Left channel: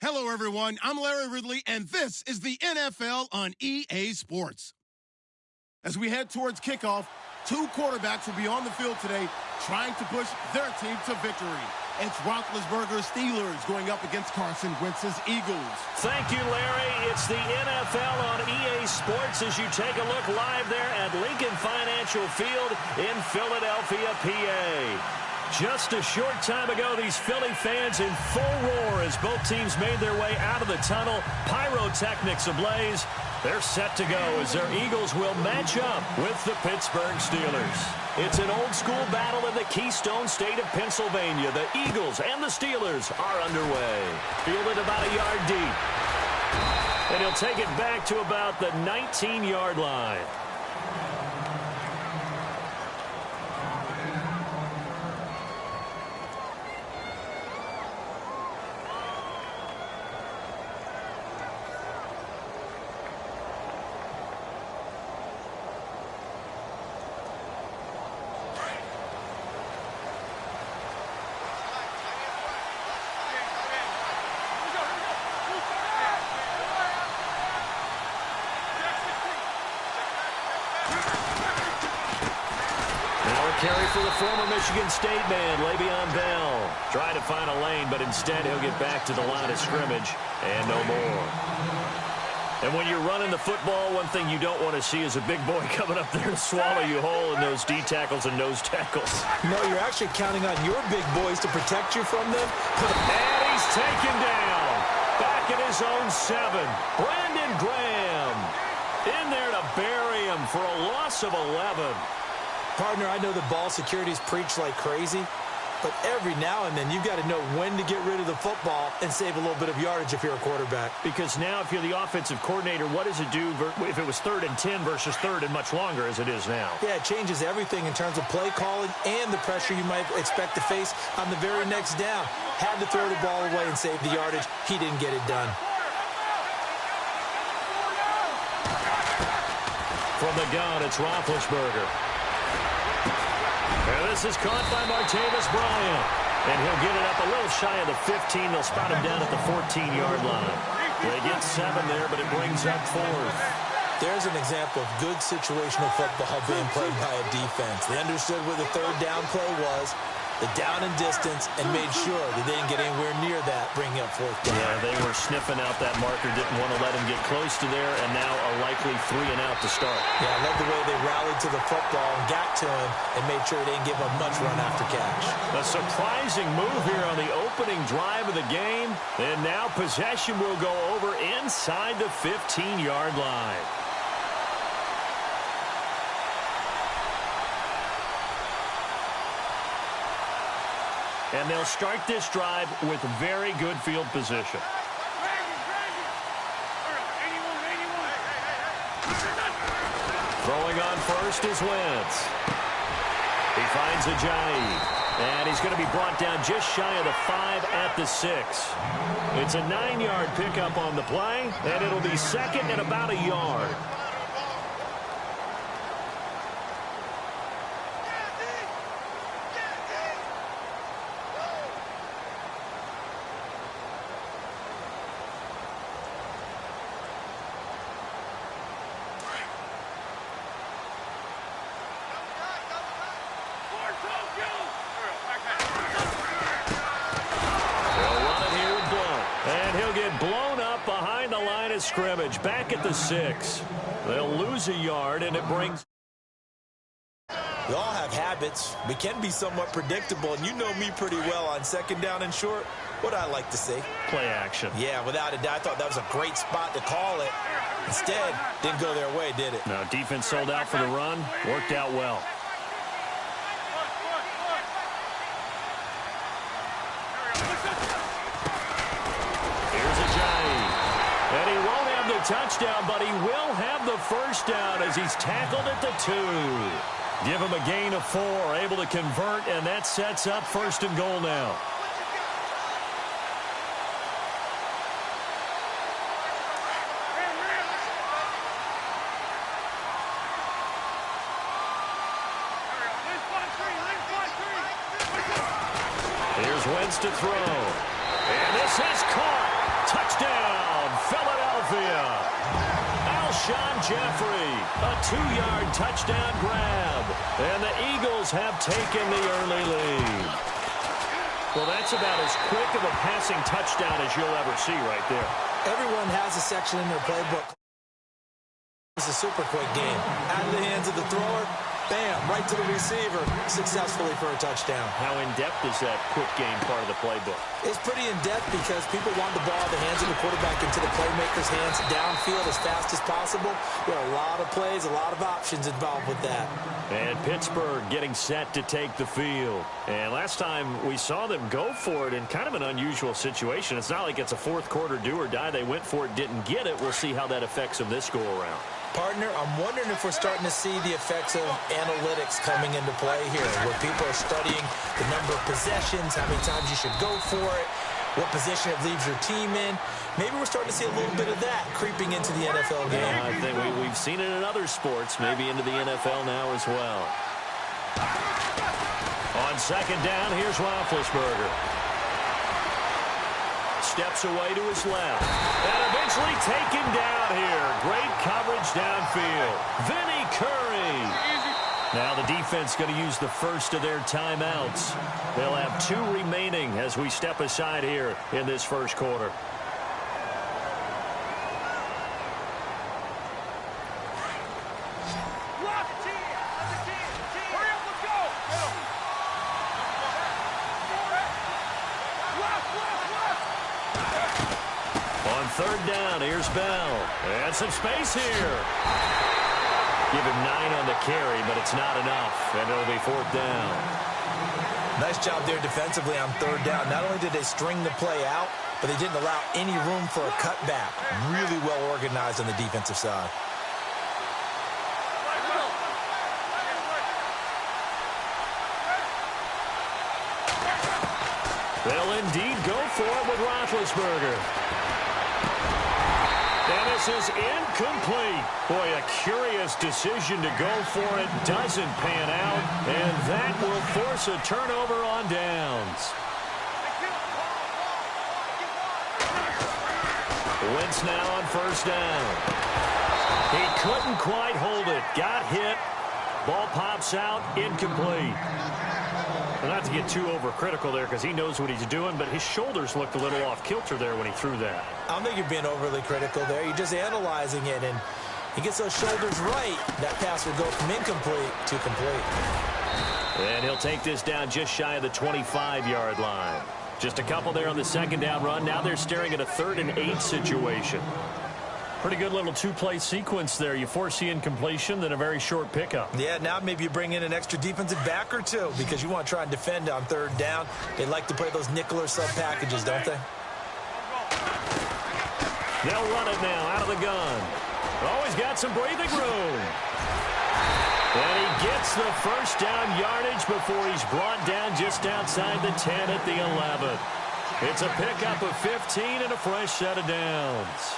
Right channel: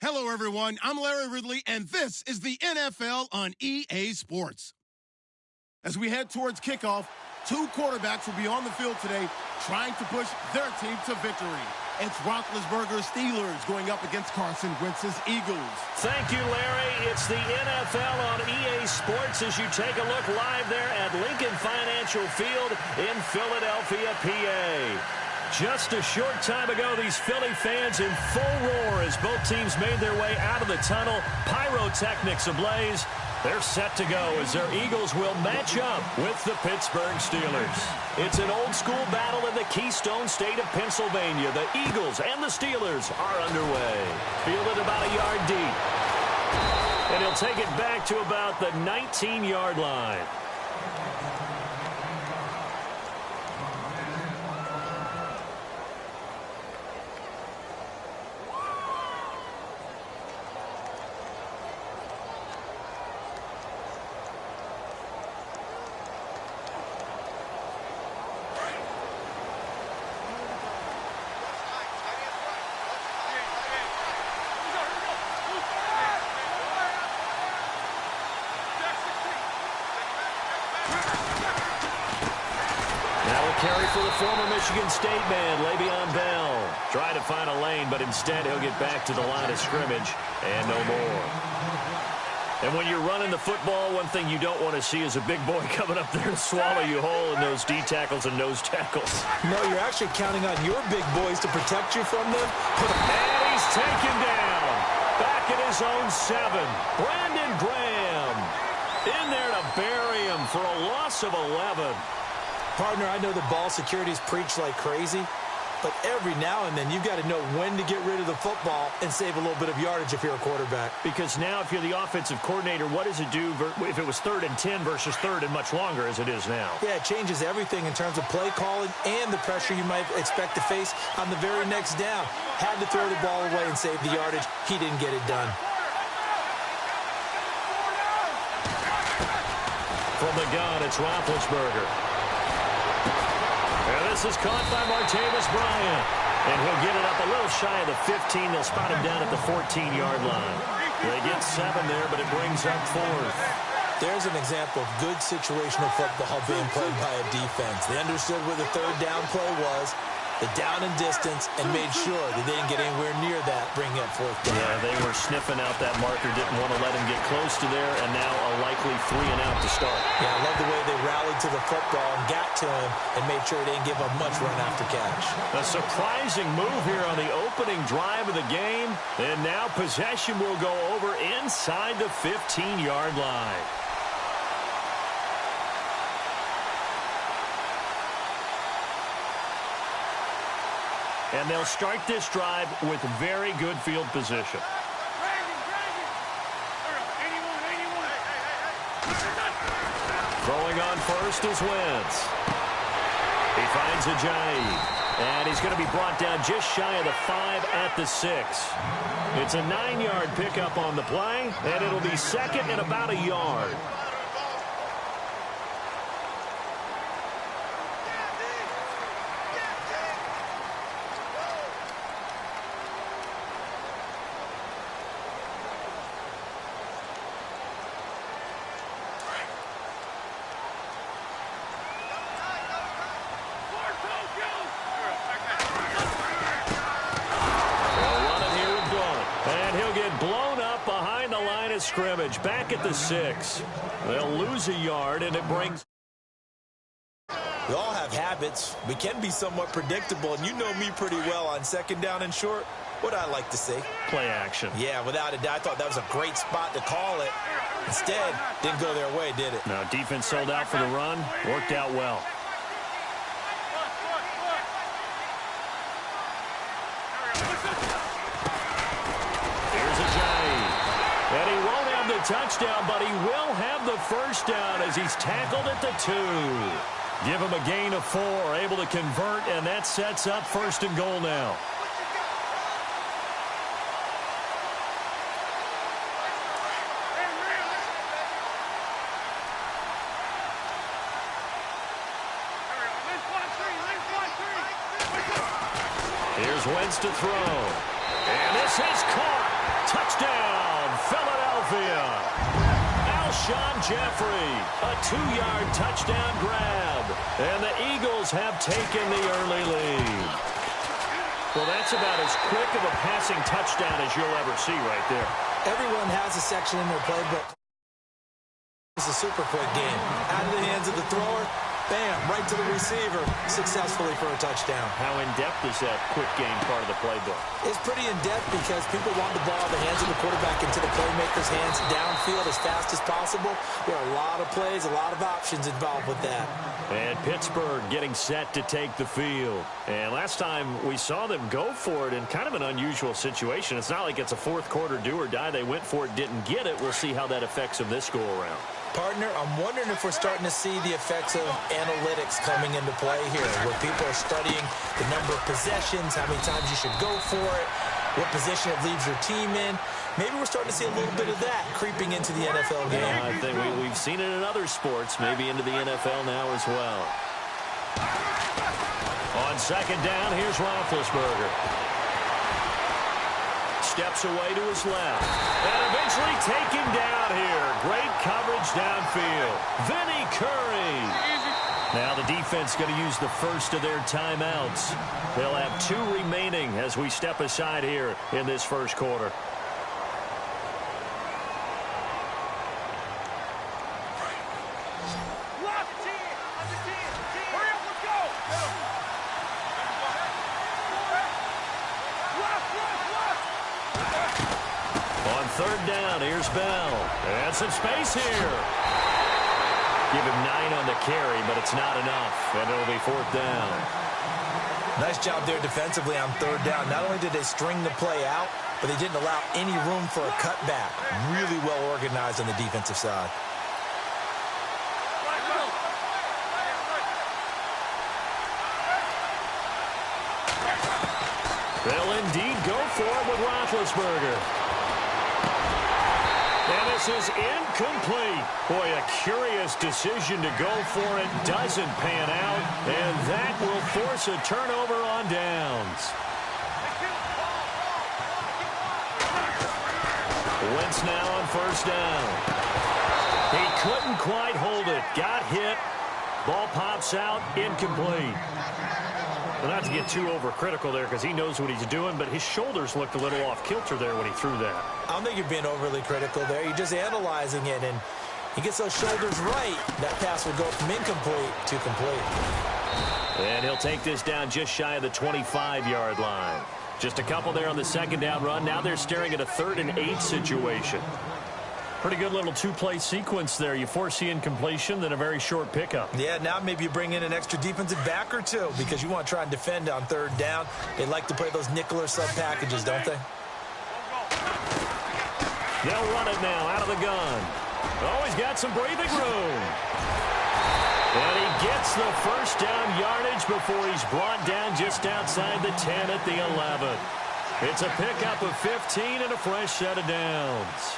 Hello, everyone. I'm Larry Ridley, and this is the NFL on EA Sports. As we head towards kickoff, two quarterbacks will be on the field today trying to push their team to victory. It's Roethlisberger's Steelers going up against Carson Wentz's Eagles. Thank you, Larry. It's the NFL on EA Sports as you take a look live there at Lincoln Financial Field in Philadelphia, PA. Just a short time ago, these Philly fans in full roar as both teams made their way out of the tunnel. Pyrotechnics ablaze. They're set to go as their Eagles will match up with the Pittsburgh Steelers. It's an old-school battle in the Keystone State of Pennsylvania. The Eagles and the Steelers are underway. Fielded about a yard deep. And he'll take it back to about the 19-yard line. Carry for the former Michigan State man, Le'Veon Bell. Trying to find a lane, but instead he'll get back to the line of scrimmage and no more. And when you're running the football, one thing you don't want to see is a big boy coming up there to swallow you whole in those D tackles and nose tackles. No, you're actually counting on your big boys to protect you from them. And he's taken down. Back at his own 7. Brandon Graham in there to bury him for a loss of 11. Partner, I know the ball security's preached like crazy, but every now and then you've got to know when to get rid of the football and save a little bit of yardage if you're a quarterback. Because now if you're the offensive coordinator, what does it do if it was 3rd and 10 versus 3rd and much longer as it is now? Yeah, it changes everything in terms of play calling and the pressure you might expect to face on the very next down. Had to throw the ball away and save the yardage. He didn't get it done. From the gun, it's Roethlisberger. And this is caught by Martavis Bryant. And he'll get it up a little shy of the 15. They'll spot him down at the 14-yard line. They get 7 there, but it brings up 4th. There's an example of good situational football being played by a defense. They understood where the 3rd down play was, the down and distance, and made sure that they didn't get anywhere near that, bringing up 4th down. Yeah, they were sniffing out that marker, didn't want to let him get close to there, and now a likely 3 and out to start. Yeah, I love the way they rallied to the football and got to him and made sure he didn't give up much run after catch. A surprising move here on the opening drive of the game, and now possession will go over inside the 15-yard line. And they'll start this drive with very good field position. Throwing on first is Wentz. He finds Ajayi. And he's going to be brought down just shy of the 5 at the 6. It's a 9-yard pickup on the play, and it'll be 2nd and about a yard. Blown up behind the line of scrimmage, back at the 6. They'll lose a yard, and it brings... We all have habits. We can be somewhat predictable, and you know me pretty well on 2nd down and short. What I like to say? Play action. Yeah, without a doubt. I thought that was a great spot to call it. Instead, didn't go their way, did it? No, defense sold out for the run. Worked out well. And he won't have the touchdown, but he will have the first down as he's tackled at the 2. Give him a gain of 4, able to convert, and that sets up 1st and goal now. Here's Wentz to throw. And this is caught. Touchdown, Philadelphia. Alshon Jeffrey, a 2-yard touchdown grab. And the Eagles have taken the early lead. Well, that's about as quick of a passing touchdown as you'll ever see right there. Everyone has a section in their playbook. It's a super quick game. Out of the hands of the thrower, bam, right to the receiver, successfully for a touchdown. How in-depth is that quick game part of the playbook? It's pretty in-depth because people want the ball in the hands of the quarterback into the playmaker's hands downfield as fast as possible. There are a lot of plays, a lot of options involved with that. And Pittsburgh getting set to take the field. And last time we saw them go for it in kind of an unusual situation. It's not like it's a fourth quarter do or die. They went for it, didn't get it. We'll see how that affects them this go-around. Partner, I'm wondering if we're starting to see the effects of analytics coming into play here, where people are studying the number of possessions, how many times you should go for it, what position it leaves your team in. Maybe we're starting to see a little bit of that creeping into the NFL game. I think we've seen it in other sports, maybe into the NFL now as well. On second down, here's Roethlisberger. Steps away to his left. And eventually taken down here. Great coverage downfield. Vinny Curry. Now the defense going to use the first of their timeouts. They'll have 2 remaining as we step aside here in this first quarter. Third down, here's Bell. And some space here. Give him 9 on the carry, but it's not enough, and it'll be 4th down. Nice job there defensively on third down. Not only did they string the play out, but they didn't allow any room for a cutback. Really well organized on the defensive side. They'll indeed go for it with Roethlisberger. And this is incomplete. Boy, a curious decision to go for it. Doesn't pan out. And that will force a turnover on downs. Wentz now on first down. He couldn't quite hold it. Got hit. Ball pops out. Incomplete. Well, not to get too overcritical there because he knows what he's doing, but his shoulders looked a little off kilter there when he threw that. I don't think you're being overly critical there. You're just analyzing it, and he gets those shoulders right. That pass will go from incomplete to complete. And he'll take this down just shy of the 25-yard line. Just a couple there on the second down run. Now they're staring at a 3rd and 8 situation. Pretty good little 2-play sequence there. You force the incompletion, then a very short pickup. Yeah, now maybe you bring in an extra defensive back or 2 because you want to try and defend on third down. They like to play those nickel or sub packages, don't they? They'll run it now out of the gun. Oh, he's got some breathing room. And he gets the first down yardage before he's brought down just outside the 10 at the 11. It's a pickup of 15 and a fresh set of downs.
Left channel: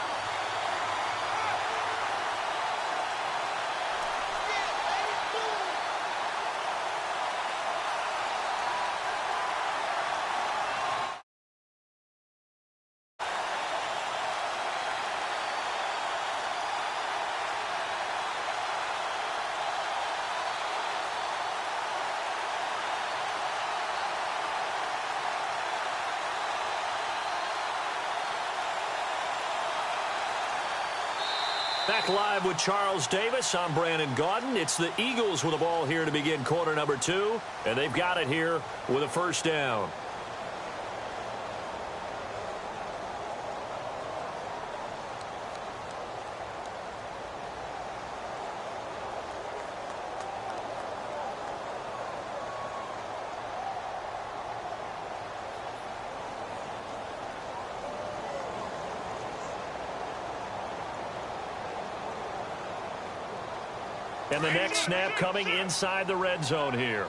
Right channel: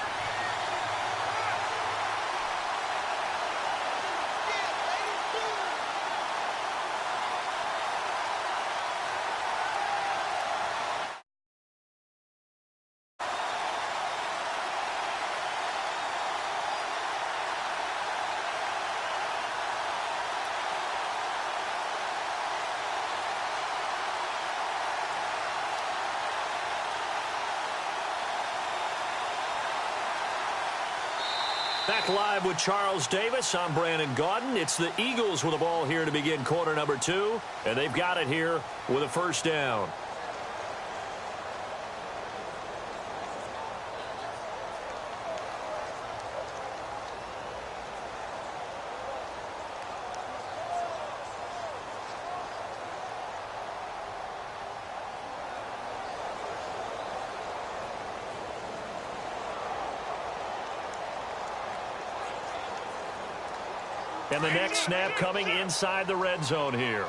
Back live with Charles Davis. I'm Brandon Gaudin. It's the Eagles with the ball here to begin quarter number 2, and they've got it here with a first down. And the next snap coming inside the red zone here.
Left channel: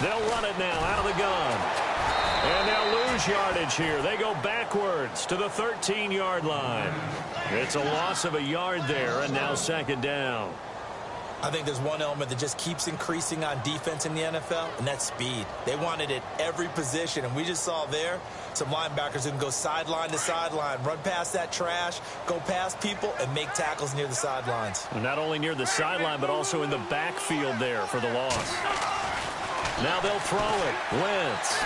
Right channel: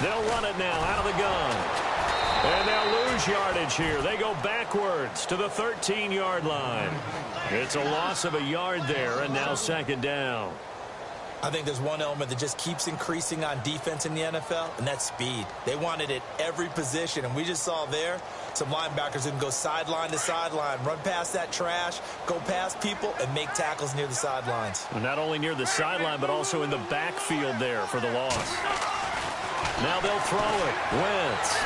They'll run it now out of the gun. And they'll lose yardage here. They go backwards to the 13-yard line. It's a loss of a yard there, and now second down. I think there's one element that just keeps increasing on defense in the NFL, and that's speed. They want it at every position, and we just saw there some linebackers who can go sideline to sideline, run past that trash, go past people, and make tackles near the sidelines. Not only near the sideline, but also in the backfield there for the loss. Now they'll throw it. Wentz.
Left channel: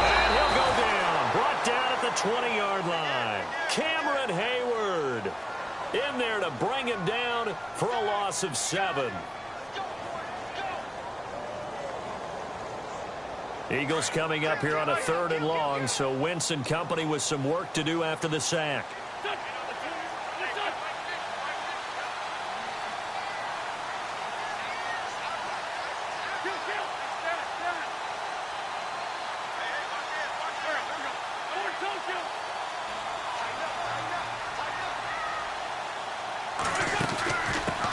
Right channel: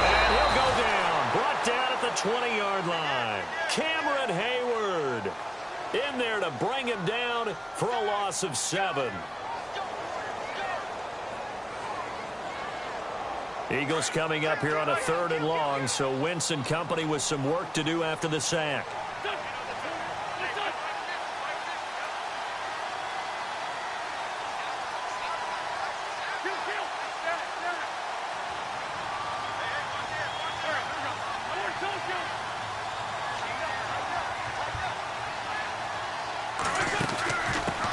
And he'll go down. Brought down at the 20-yard line. Cameron Hayward in there to bring him down for a loss of 7. Eagles coming up here on a 3rd and long, so Wentz and company with some work to do after the sack.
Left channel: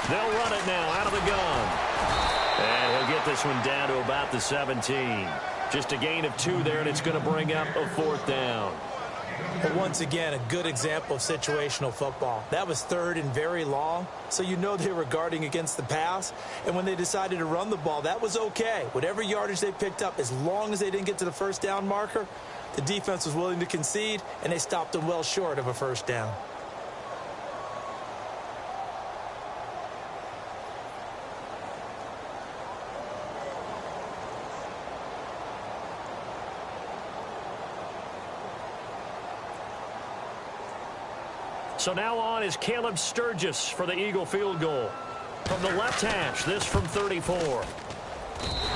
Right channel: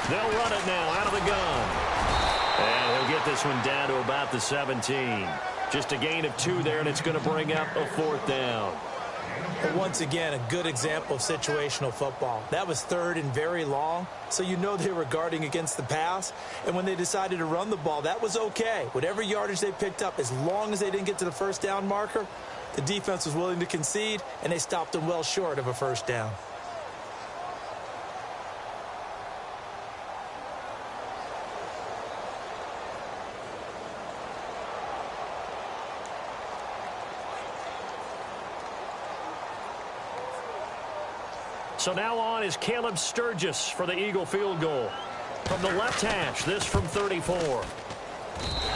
They'll run it now out of the gun. And he'll get this one down to about the 17. Just a gain of 2 there, and it's going to bring up a 4th down. But once again, a good example of situational football. That was 3rd and very long, so you know they were guarding against the pass. And when they decided to run the ball, that was okay. Whatever yardage they picked up, as long as they didn't get to the 1st down marker, the defense was willing to concede, and they stopped them well short of a 1st down. So now on is Caleb Sturgis for the Eagle field goal. From the left hash, this from 34.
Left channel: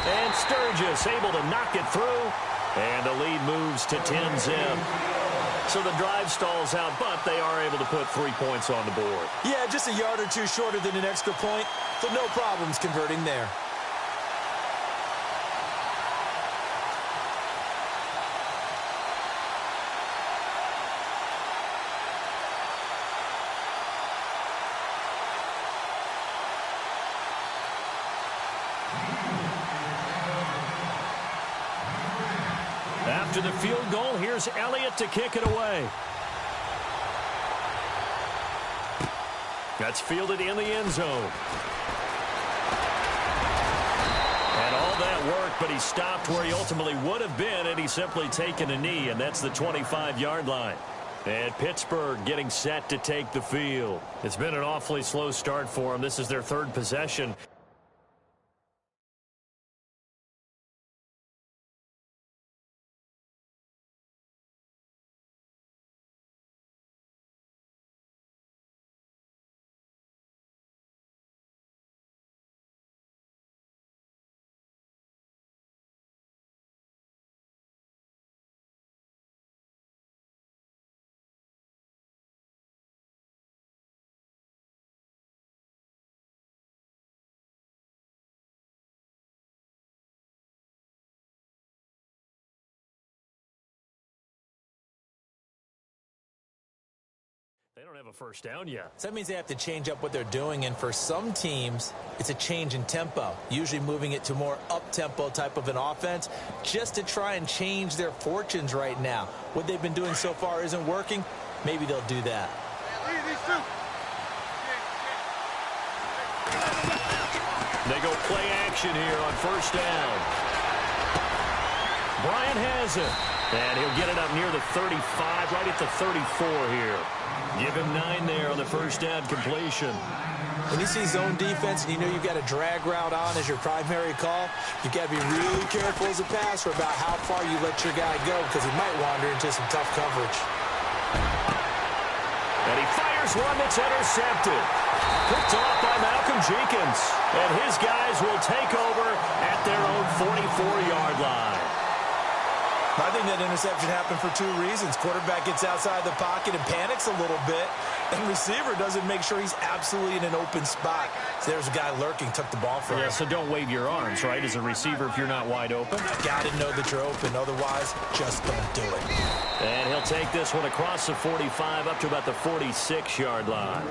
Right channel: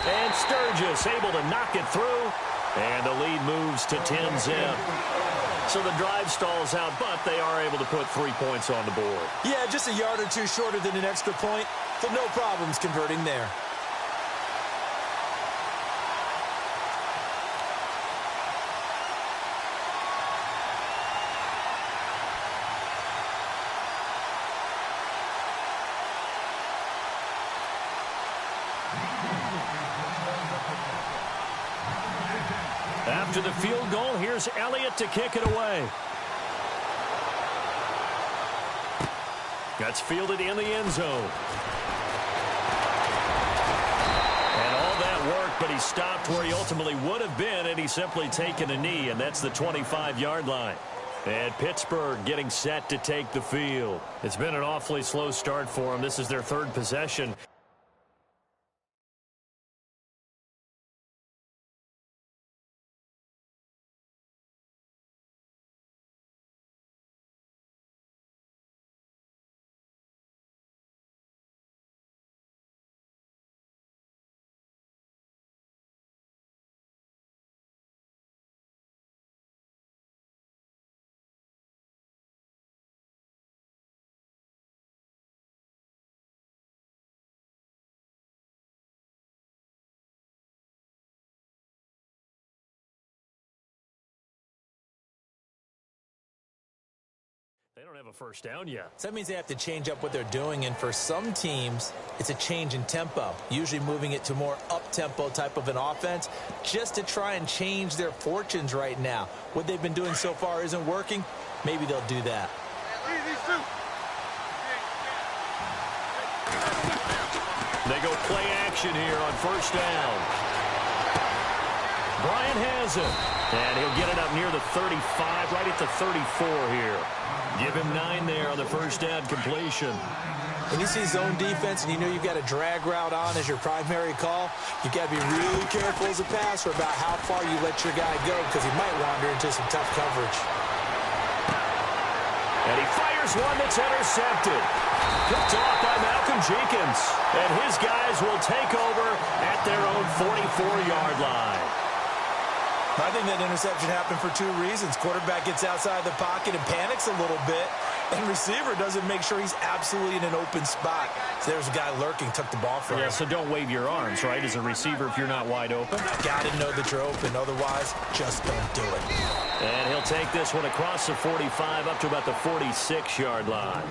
And Sturgis able to knock it through. And the lead moves to 10-zip. So the drive stalls out, but they are able to put 3 points on the board. Yeah, just a yard or 2 shorter than an extra point, so no problems converting there. After the field goal, here's Elliott to kick it away. That's fielded in the end zone. And all that work, but he stopped where he ultimately would have been, and he's simply taken a knee, and that's the 25-yard line. And Pittsburgh getting set to take the field. It's been an awfully slow start for them. This is their 3rd possession. They don't have a 1st down yet. So that means they have to change up what they're doing, and for some teams, it's a change in tempo, usually moving it to more up-tempo type of an offense just to try and change their fortunes right now. What they've been doing so far isn't working. Maybe they'll do that. They go play action here on 1st down. Bryant has it. And he'll get it up near the 35, right at the 34 here. Give him 9 there on the 1st down completion. When you see zone defense and you know you've got a drag route on as your primary call, you've got to be really careful as a passer about how far you let your guy go, because he might wander into some tough coverage. And he fires one that's intercepted. Picked off by Malcolm Jenkins. And his guys will take over at their own 44-yard line. I think that interception happened for 2 reasons. Quarterback gets outside the pocket and panics a little bit, and receiver doesn't make sure he's absolutely in an open spot. So there's a guy lurking, took the ball from him. Yeah, so don't wave your arms, right, as a receiver if you're not wide open. Got to know that you're open. Otherwise, just don't do it. And he'll take this one across the 45 up to about the 46-yard line.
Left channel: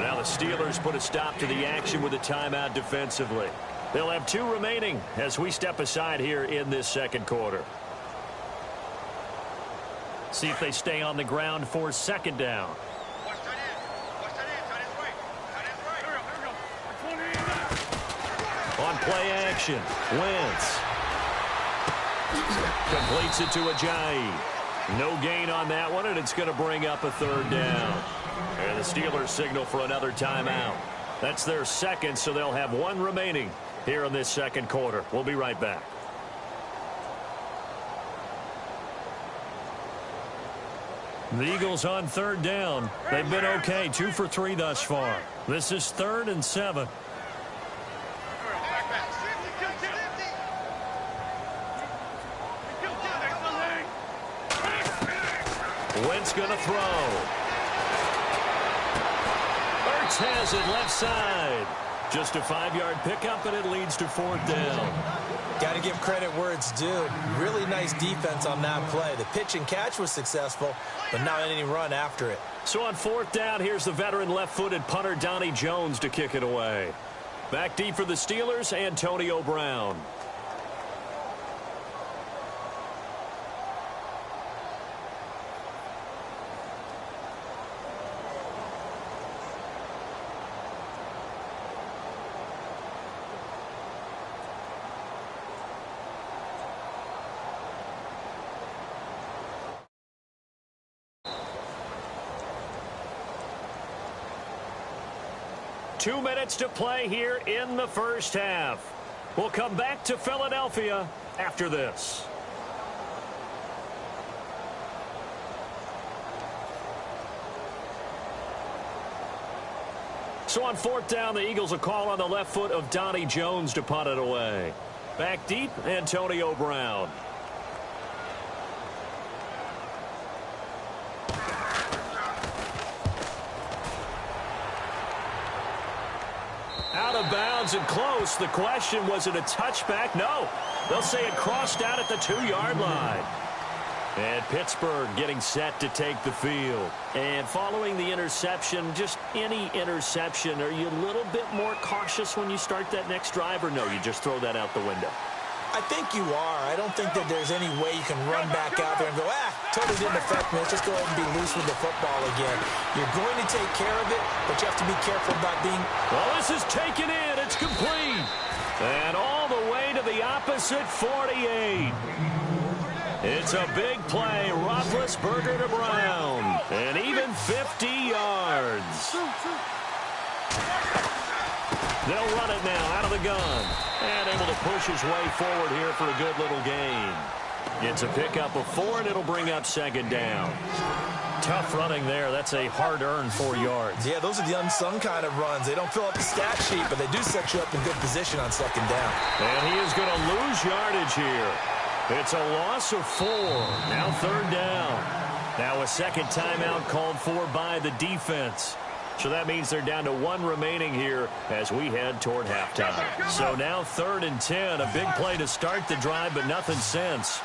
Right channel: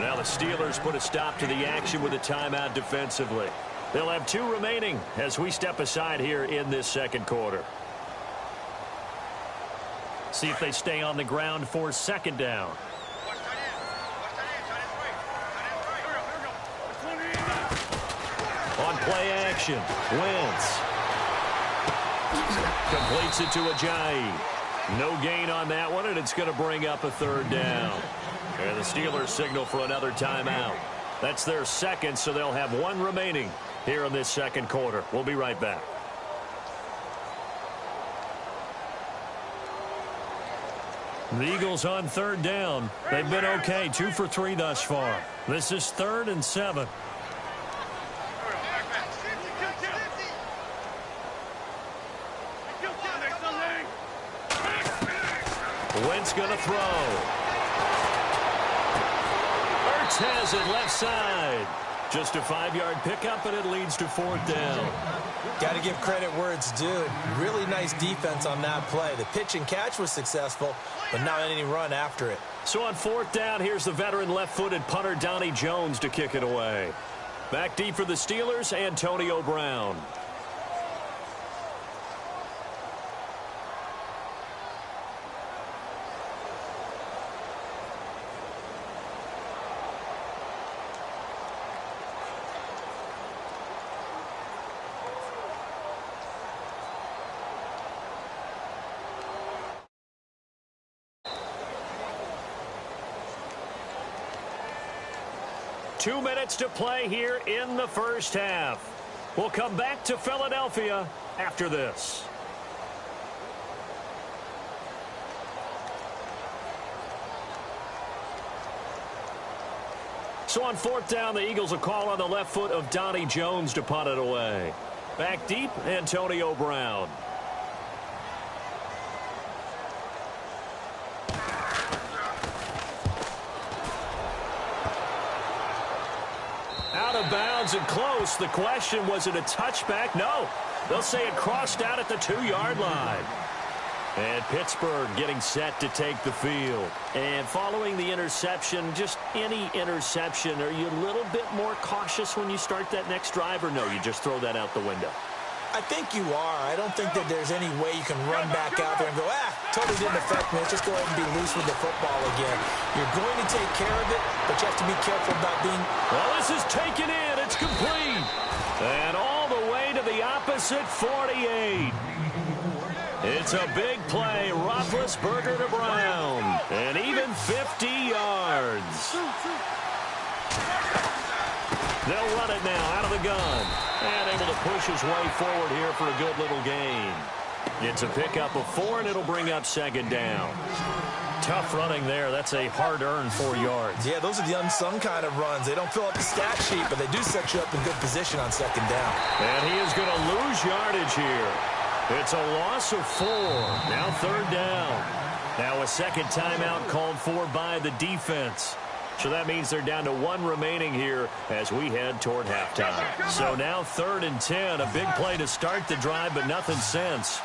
Now the Steelers put a stop to the action with a timeout defensively. They'll have 2 remaining as we step aside here in this 2nd quarter. See if they stay on the ground for 2nd down. On play action, Wentz. Completes it to Ajayi. No gain on that one, and it's going to bring up a third down. And the Steelers signal for another timeout. That's their second, so they'll have one remaining here in this second quarter. We'll be right back. The Eagles on third down. They've been okay, 2 for 3 thus far. This is 3rd and 7. Wentz going to throw. Ertz has it left side. Just a 5-yard pickup, and it leads to 4th down. Got to give credit where it's due. Really nice defense on that play. The pitch and catch was successful, but not any run after it. So on 4th down, here's the veteran left-footed punter Donnie Jones to kick it away. Back deep for the Steelers, Antonio Brown. Two minutes to play here in the first half. We'll come back to Philadelphia after this. So on 4th down, the Eagles will call on the left foot of Donnie Jones to punt it away. Back deep, Antonio Brown. Out of bounds and close. The question, was it a touchback? No. They'll say it crossed out at the 2-yard line. And Pittsburgh getting set to take the field. And following the interception, just any interception, are you a little bit more cautious when you start that next drive, or no, you just throw that out the window? I think you are. I don't think that there's any way you can run back out there and go, totally didn't affect me. Let's just go ahead and be loose with the football again. You're going to take care of it, but you have to be careful about being... Well, this is taken in. It's complete. And all the way to the opposite 48. It's a big play. Roethlisberger to Brown. And even 50 yards. They'll run it now out of the gun. And able to push his way forward here for a good little gain. It's a pickup of 4, and it'll bring up 2nd down. Tough running there. That's a hard-earned 4 yards. Yeah, those are the unsung kind of runs. They don't fill up the stat sheet, but they do set you up in good position on 2nd down. And he is going to lose yardage here. It's a loss of 4. Now 3rd down. Now a second timeout called for by the defense. So that means they're down to 1 remaining here as we head toward halftime. So now 3rd and 10. A big play to start the drive, but nothing since.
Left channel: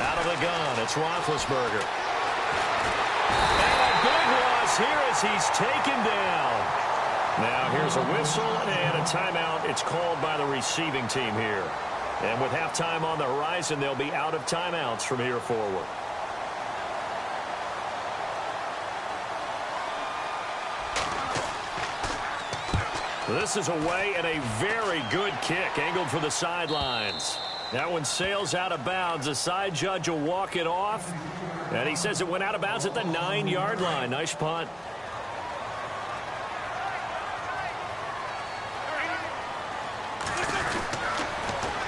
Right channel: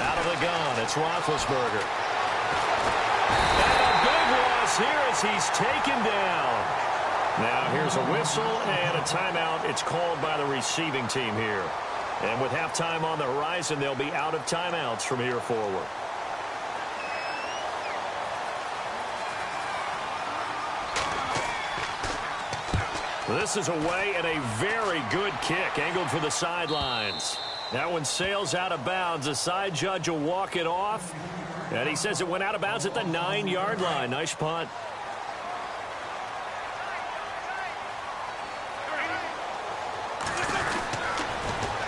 Out of the gun, it's Roethlisberger. And a big loss here as he's taken down. Now here's a whistle and a timeout. It's called by the receiving team here. And with halftime on the horizon, they'll be out of timeouts from here forward. This is away and a very good kick, angled for the sidelines. That one sails out of bounds. The side judge will walk it off. And he says it went out of bounds at the 9-yard line. Nice punt.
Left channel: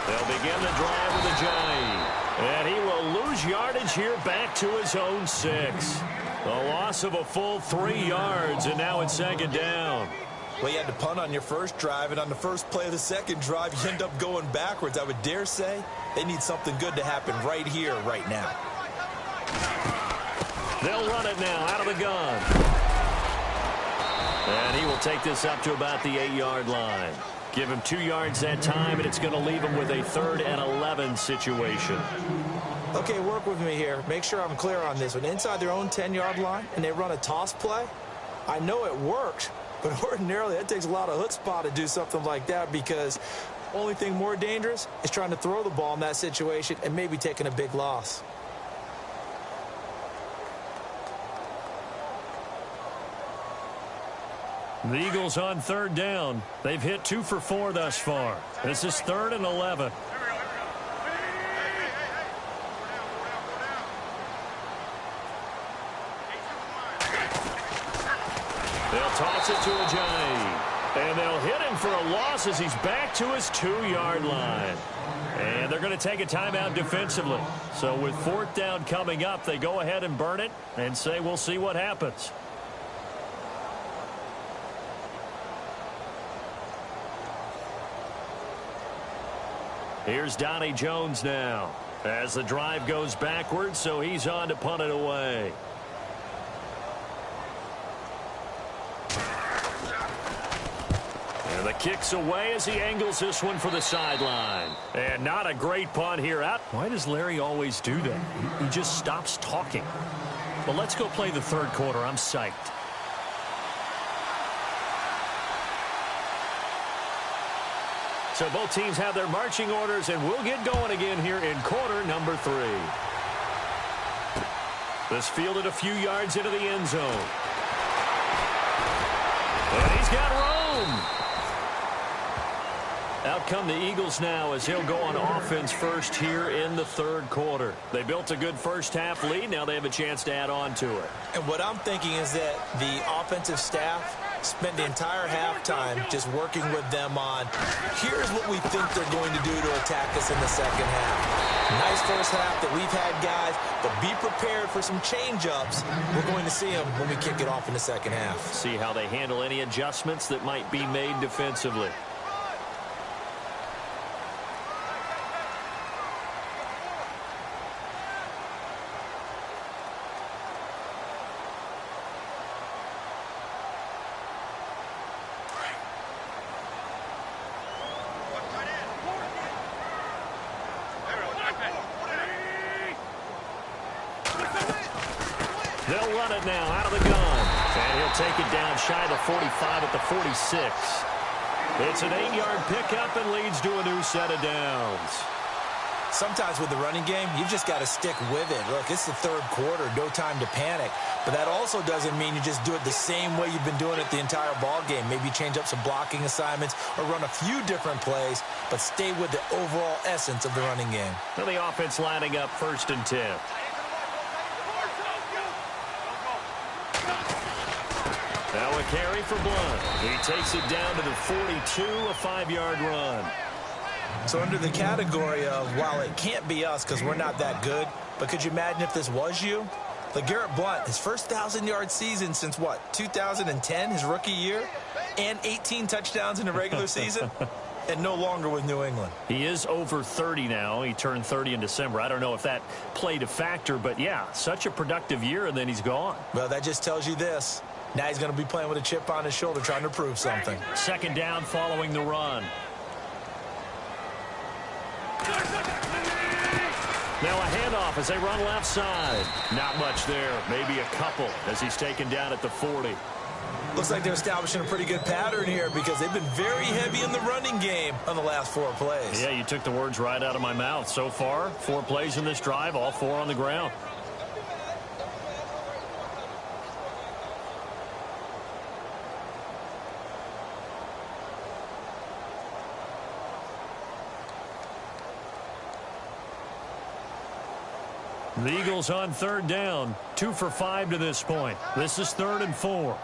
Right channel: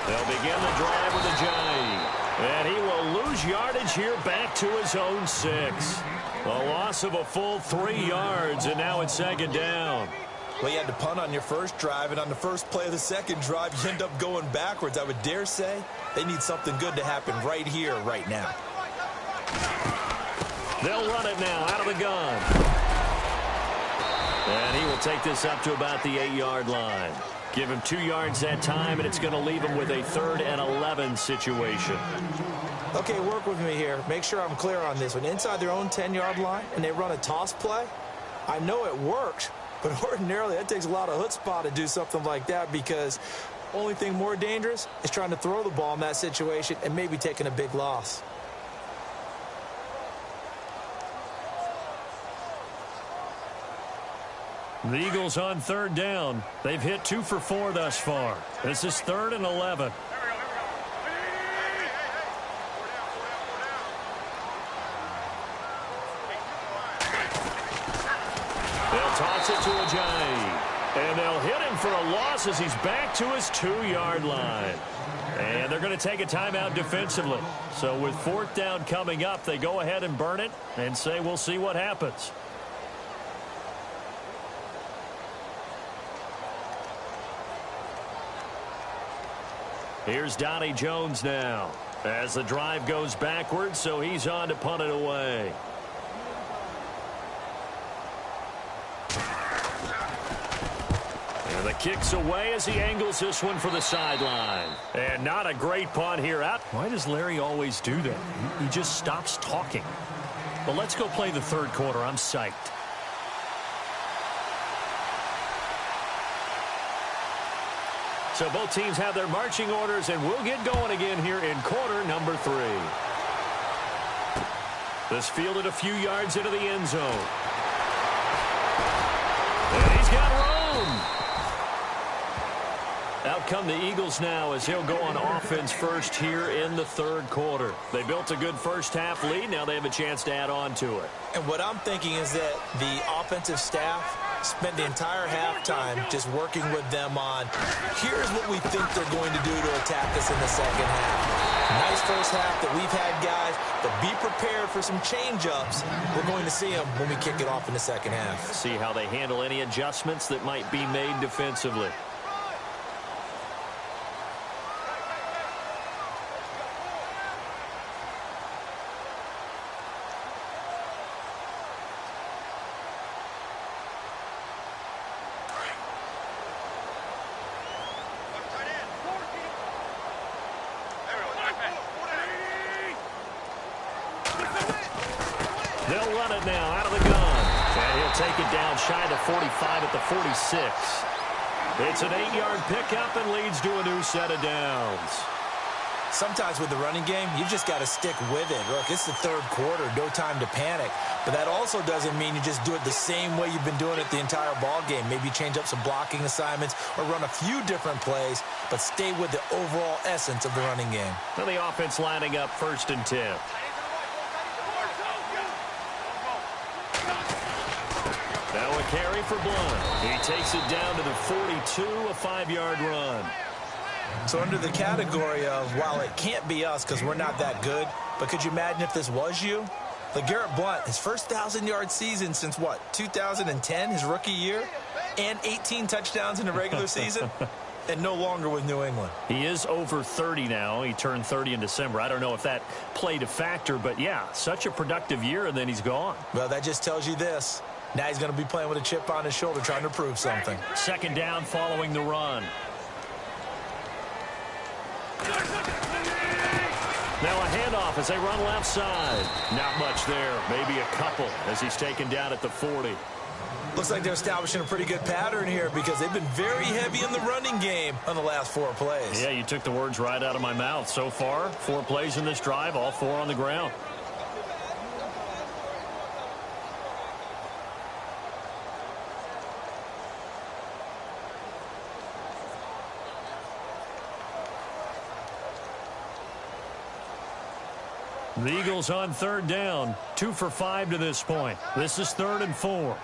They'll begin the drive with Ajayi. And he will lose yardage here back to his own 6. A loss of a full 3 yards, and now it's 2nd down. Well, you had to punt on your first drive, and on the first play of the second drive, you end up going backwards. I would dare say they need something good to happen right here, right now. They'll run it now out of the gun. And he will take this up to about the 8-yard line. Give him 2 yards that time, and it's going to leave him with a 3rd and 11 situation. Okay, work with me here. Make sure I'm clear on this one. Inside their own 10-yard line, and they run a toss play. I know it worked, but ordinarily that takes a lot of chutzpah to do something like that, because only thing more dangerous is trying to throw the ball in that situation and maybe taking a big loss. The Eagles on third down. They've hit 2 for 4 thus far. This is 3rd and 11. They'll toss it to Ajayi. And they'll hit him for a loss as he's back to his 2-yard line. And they're going to take a timeout defensively. So with 4th down coming up, they go ahead and burn it and say we'll see what happens. Here's Donnie Jones now as the drive goes backwards, so he's on to punt it away. And the kick's away as he angles this one for the sideline. And not a great punt here. Out. Why does Larry always do that? He just stops talking. But let's go play the 3rd quarter. I'm psyched. So both teams have their marching orders, and we'll get going again here in quarter number 3. This fielded a few yards into the end zone. And he's got room. Out come the Eagles now as he'll go on offense first here in the 3rd quarter. They built a good first half lead. Now they have a chance to add on to it. And what I'm thinking is that the offensive staff spent the entire halftime just working with them on, here's what we think they're going to do to attack us in the second half. Nice first half that we've had, guys, but be prepared for some change-ups. We're going to see them when we kick it off in the second half. See how they handle any adjustments that might be made defensively. They'll run it now out of the gun. And he'll take it down shy of the 45 at the 46. It's an 8-yard pickup and leads to a new set of downs. Sometimes with the running game, you've just got to stick with it. Look, it's the 3rd quarter, no time to panic. But that also doesn't mean you just do it the same way you've been doing it the entire ball game. Maybe change up some blocking assignments or run a few different plays, but stay with the overall essence of the running game. Well, the offense lining up 1st and 10. Now a carry for Blunt. He takes it down to the 42, a 5-yard run. So under the category of, while it can't be us because we're not that good, but could you imagine if this was you? LeGarrette Blunt, his first 1,000-yard season since, what, 2010, his rookie year? And 18 touchdowns in the regular season? And no longer with New England. He is over 30 now. He turned 30 in December. I don't know if that played a factor, but yeah, such a productive year, and then he's gone. Well, that just tells you this. Now he's going to be playing with a chip on his shoulder trying to prove something. 2nd down following the run. Now a handoff as they run left side. Not much there. Maybe a couple as he's taken down at the 40. Looks like they're establishing a pretty good pattern here because they've been very heavy in the running game on the last 4 plays. Yeah, you took the words right out of my mouth. So far, 4 plays in this drive, all 4 on the ground. The Eagles on 3rd down, 2 for 5 to this point. This is 3rd and 4.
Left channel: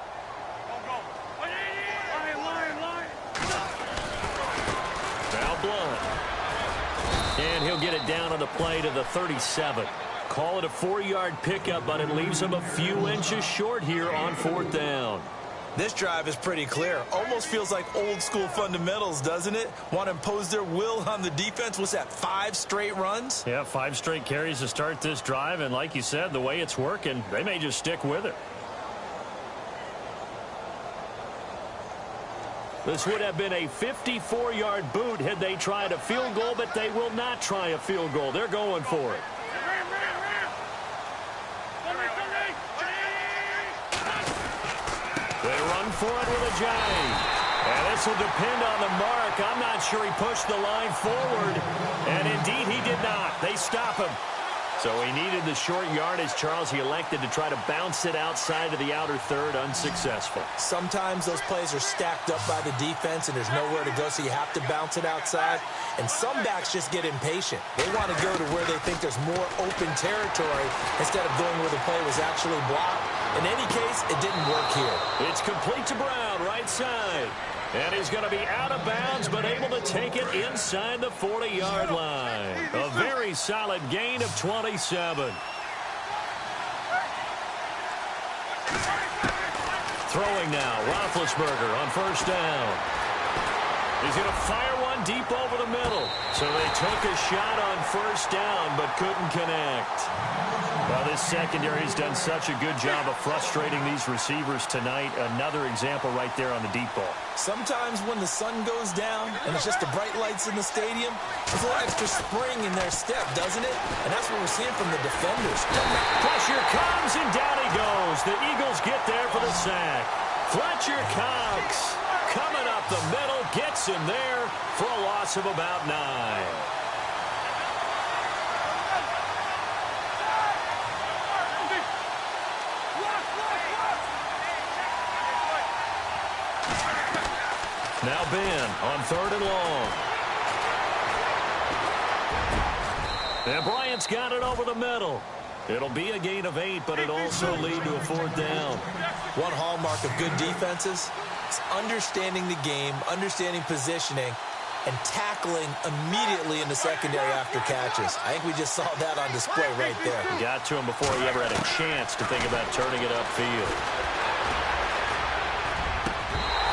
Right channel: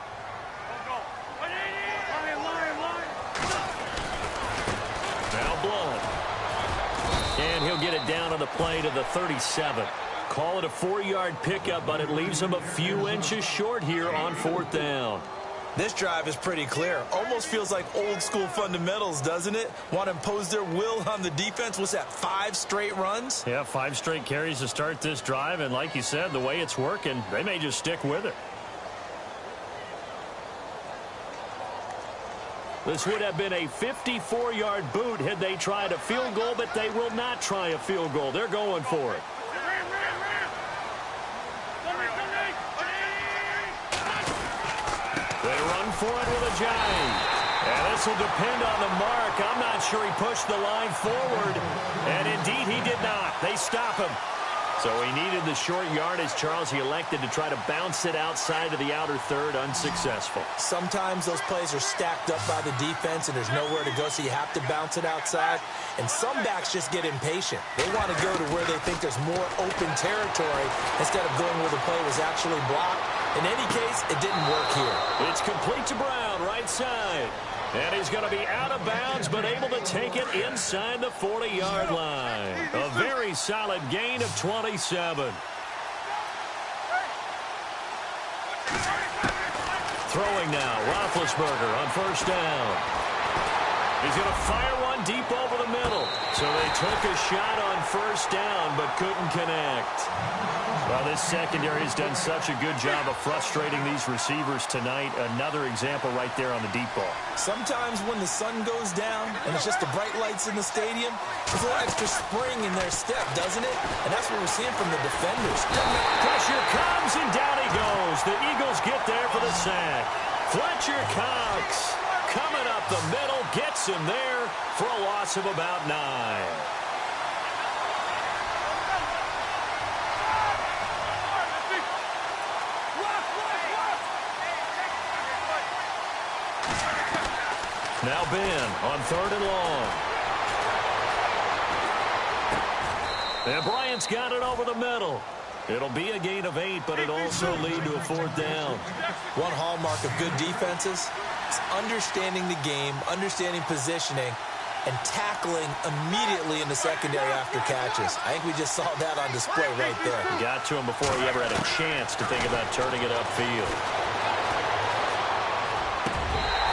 Now Blunt. And he'll get it down on the play to the 37. Call it a 4-yard pickup, but it leaves him a few inches short here on 4th down. This drive is pretty clear. Almost feels like old school fundamentals, doesn't it? Want to impose their will on the defense. What's that, 5 straight runs? Yeah, 5 straight carries to start this drive. And like you said, the way it's working, they may just stick with it. This would have been a 54-yard boot had they tried a field goal, but they will not try a field goal. They're going for it. They run for it with Ajayi. And this will depend on the mark. I'm not sure he pushed the line forward. And indeed, he did not. They stop him. So he needed the short yardage, Charles. He elected to try to bounce it outside of the outer third, unsuccessful. Sometimes those plays are stacked up by the defense and there's nowhere to go, so you have to bounce it outside. And some backs just get impatient. They want to go to where they think there's more open territory instead of going where the play was actually blocked. In any case, it didn't work here. It's complete to Brown, right side. And he's going to be out of bounds, but able to take it inside the 40-yard line. A very solid gain of 27. Throwing now, Roethlisberger on first down. He's going to fire one deep over the middle. So they took a shot on first down, but couldn't connect. Well, this secondary has done such a good job of frustrating these receivers tonight. Another example right there on the deep ball. Sometimes when the sun goes down and it's just the bright lights in the stadium, there's a little extra spring in their step, doesn't it? And that's what we're seeing from the defenders. Pressure comes, and down he goes. The Eagles get there for the sack. Fletcher Cox coming up the middle, gets him there for a loss of about 9. Now Ben on third and long. And Bryant's got it over the middle. It'll be a gain of 8, but it also lead to a fourth down. One hallmark of good defenses is understanding the game, understanding positioning, and tackling immediately in the secondary after catches. I think we just saw that on display right there. Got to him before he ever had a chance to think about turning it upfield.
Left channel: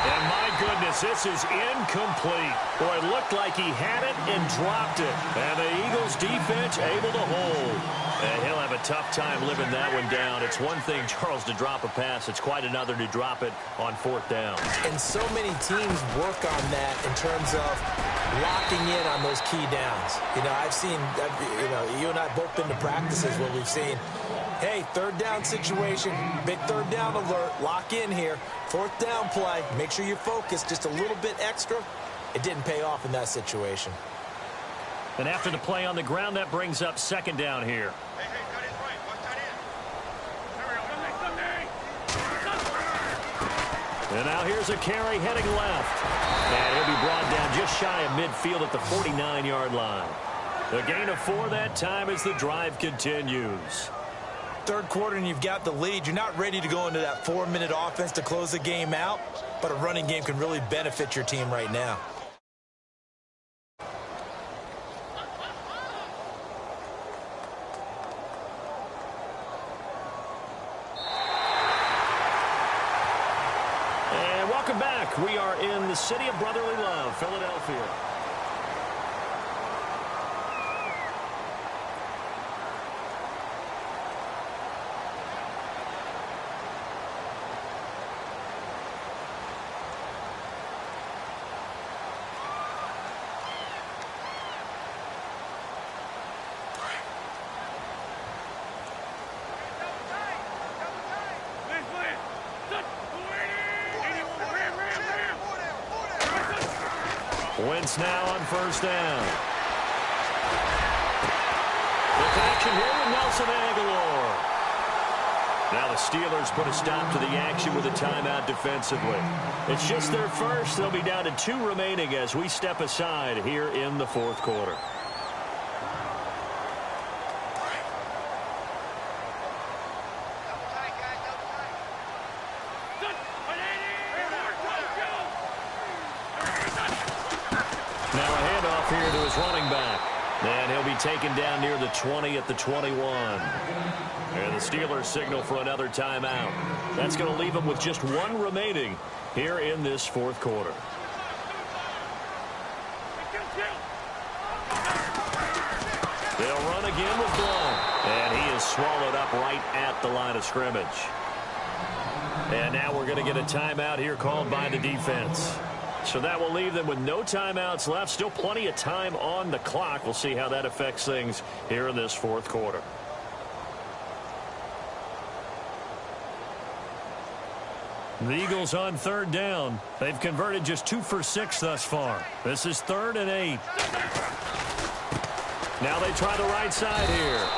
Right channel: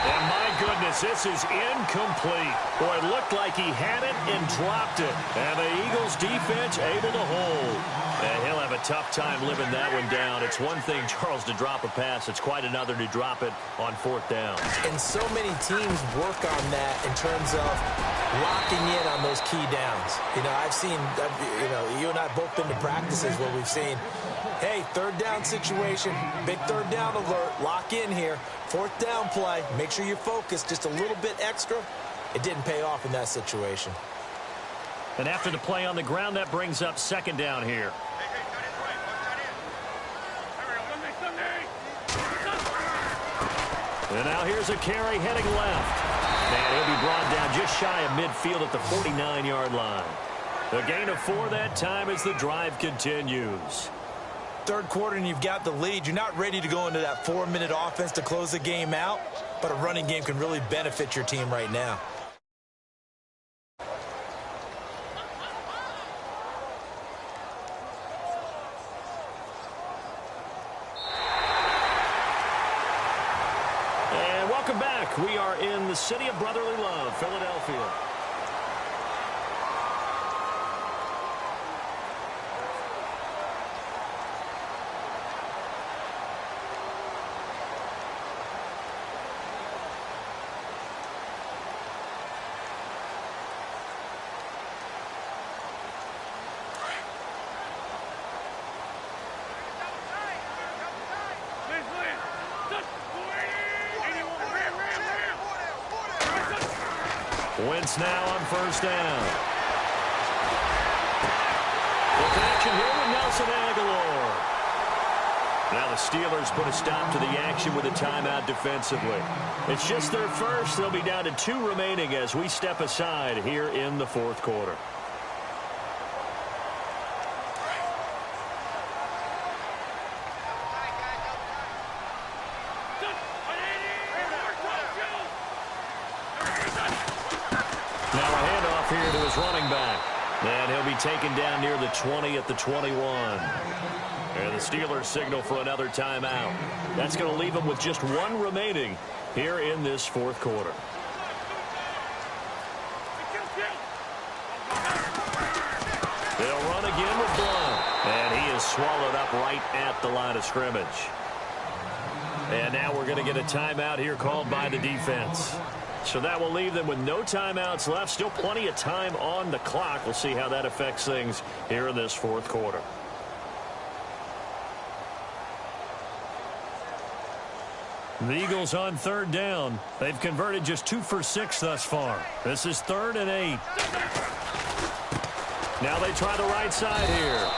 And my goodness, this is incomplete. Boy, it looked like he had it and dropped it. And the Eagles defense able to hold. And he'll have a tough time living that one down. It's one thing, Charles, to drop a pass. It's quite another to drop it on fourth down. And so many teams work on that in terms of locking in on those key downs. You know, you and I both been to practices where we've seen, hey, third down situation, big third down alert, lock in here, fourth down play, make sure you're focused just a little bit extra. It didn't pay off in that situation. And after the play on the ground, that brings up second down here. And now here's a carry heading left. And he'll be brought down just shy of midfield at the 49-yard line. A gain of 4 that time as the drive continues. Third quarter and you've got the lead. You're not ready to go into that 4-minute offense to close the game out, but a running game can really benefit your team right now. And welcome back. We are in the city of brotherly love, Philadelphia. Wentz now on first down. The connection here with Nelson Aguilar. Now the Steelers put a stop to the action with a timeout defensively. It's just their first. They'll be down to 2 remaining as we step aside here in the fourth quarter. Now a handoff here to his running back. And he'll be taken down near the 20 at the 21. And the Steelers signal for another timeout. That's going to leave them with just 1 remaining here in this fourth quarter. They'll run again with Blount. And he is swallowed up right at the line of scrimmage. And now we're going to get a timeout here called by the defense. So that will leave them with no timeouts left. Still plenty of time on the clock. We'll see how that affects things here in this fourth quarter. The Eagles on third down. They've converted just 2 for 6 thus far. This is 3rd and 8. Now they try the right side here.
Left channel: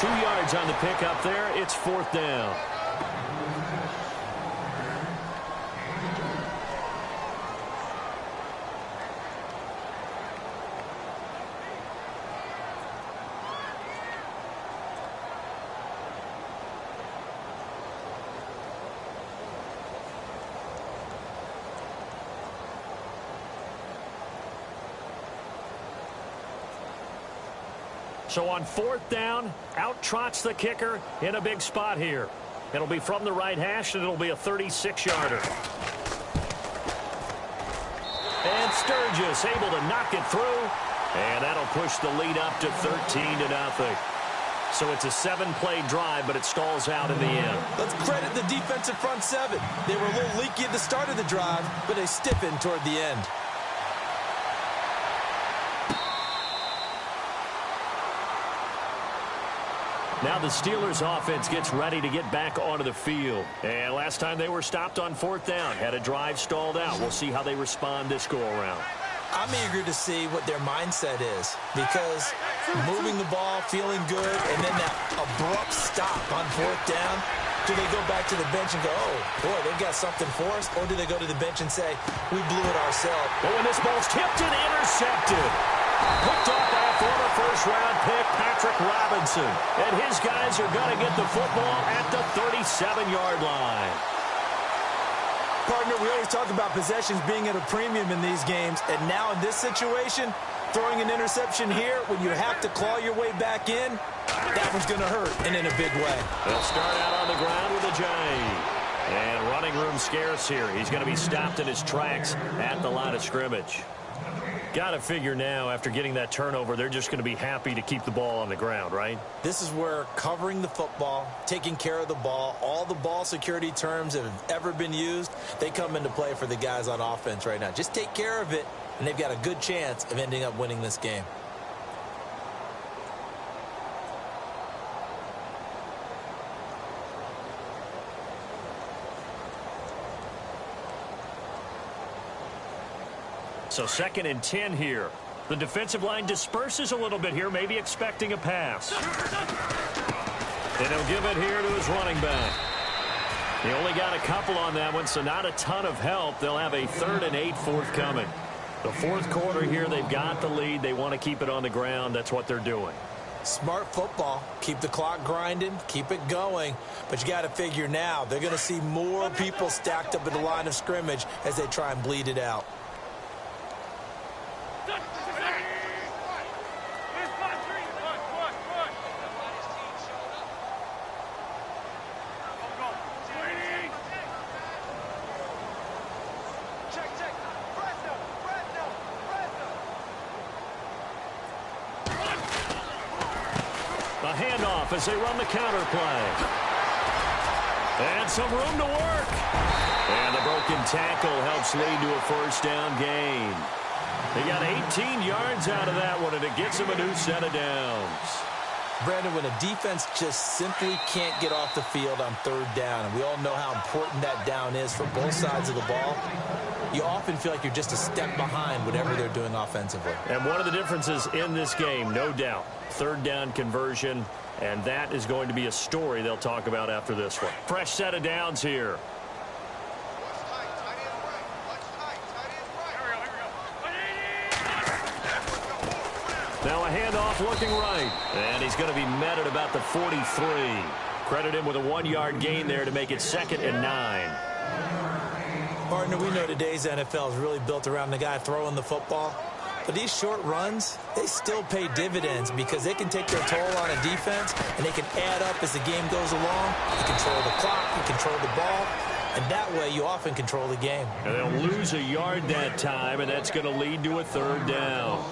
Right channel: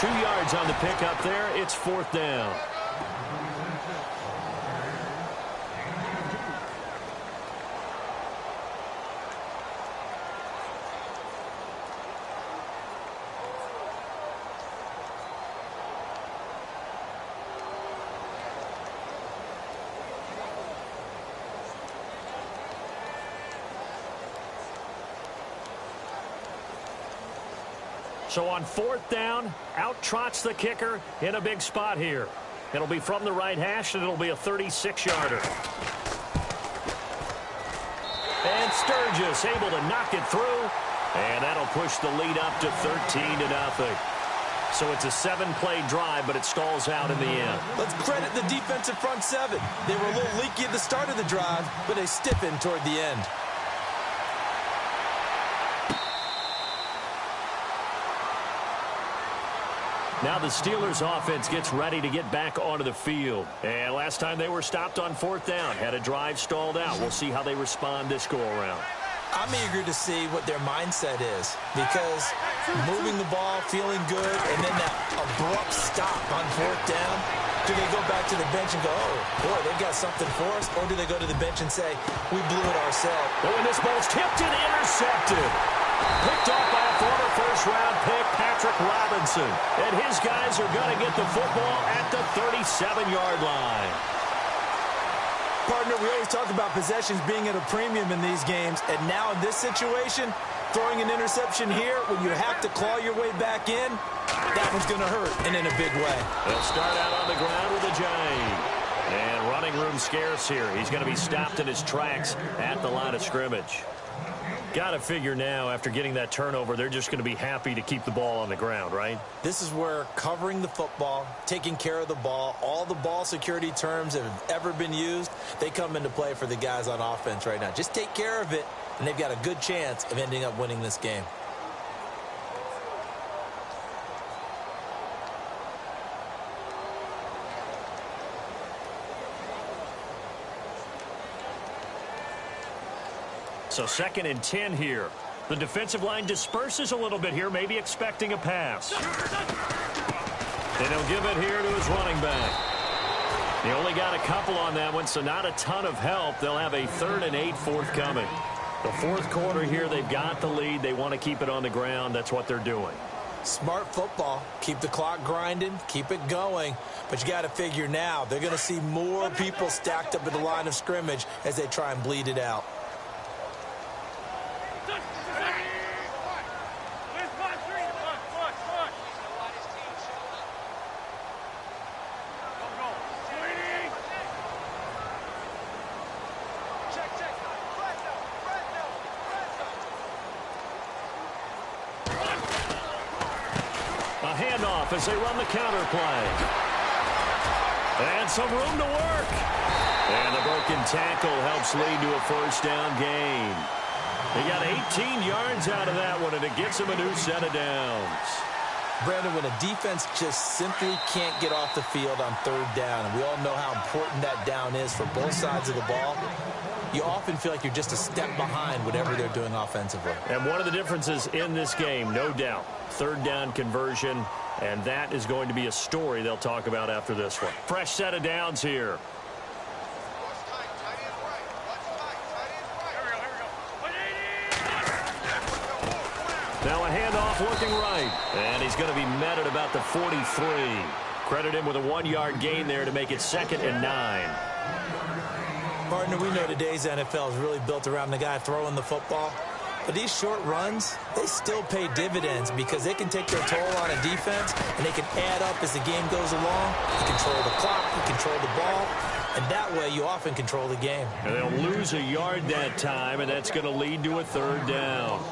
2 yards on the pickup there. It's 4th down. So on 4th down, out trots the kicker in a big spot here. It'll be from the right hash, and it'll be a 36-yarder. And Sturgis able to knock it through, and that'll push the lead up to 13-0. So it's a 7-play drive, but it stalls out in the end. Let's credit the defensive front seven. They were a little leaky at the start of the drive, but they stiffened toward the end. Now the Steelers offense gets ready to get back onto the field. And last time they were stopped on 4th down, had a drive stalled out. We'll see how they respond this go-around. I'm eager to see what their mindset is, because moving the ball, feeling good, and then that abrupt stop on 4th down, do they go back to the bench and go, oh, boy, they've got something for us? Or do they go to the bench and say, we blew it ourselves? But when this ball's tipped and intercepted, picked off by a former first-round pick, Patrick Robinson. And his guys are going to get the football at the 37-yard line. Partner, we always talk about possessions being at a premium in these games. And now in this situation, throwing an interception here when you have to claw your way back in, that one's going to hurt, and in a big way. They'll start out on the ground with a J. And running room scarce here. He's going to be stopped in his tracks at the line of scrimmage. Got to figure now, after getting that turnover, they're just going to be happy to keep the ball on the ground, right? This is where covering the football, taking care of the ball, all the ball security terms that have ever been used, they come into play for the guys on offense right now. Just take care of it, and they've got a good chance of ending up winning this game. So 2nd and 10 here. The defensive line disperses a little bit here, maybe expecting a pass. And he'll give it here to his running back. He only got a couple on that one, so not a ton of help. They'll have a 3rd and 8 forthcoming. The 4th quarter here, they've got the lead. They want to keep it on the ground. That's what they're doing. Smart football. Keep the clock grinding. Keep it going. But you got to figure now, they're going to see more people stacked up at the line of scrimmage as they try and bleed it out. A handoff as they run the counter play. And some room to work. And the broken tackle helps lead to a 1st down gain. They got 18 yards out of that one, and it gets them a new set of downs. Brandon, when a defense just simply can't get off the field on 3rd down, and we all know how important that down is for both sides of the ball, you often feel like you're just a step behind whatever they're doing offensively. And one of the differences in this game, no doubt, 3rd down conversion, and that is going to be a story they'll talk about after this one. Fresh set of downs here. Now a handoff looking right. And he's going to be met at about the 43. Credit him with a 1-yard gain there to make it 2nd and 9. Partner, we know today's NFL is really built around the guy throwing the football. But these short runs, they still pay dividends because they can take their toll on a defense, and they can add up as the game goes along. You control the clock, you control the ball, and that way you often control the game. And they'll lose a yard that time, and that's going to lead to a 3rd down.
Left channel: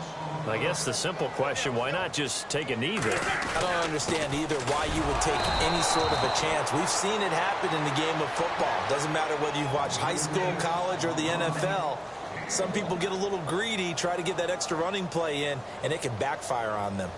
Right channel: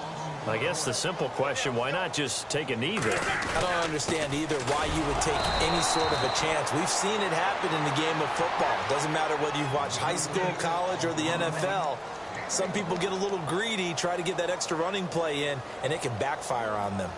I guess the simple question, why not just take a knee there? I don't understand either why you would take any sort of a chance. We've seen it happen in the game of football. Doesn't matter whether you've watched high school, college, or the NFL. Some people get a little greedy, try to get that extra running play in, and it can backfire on them.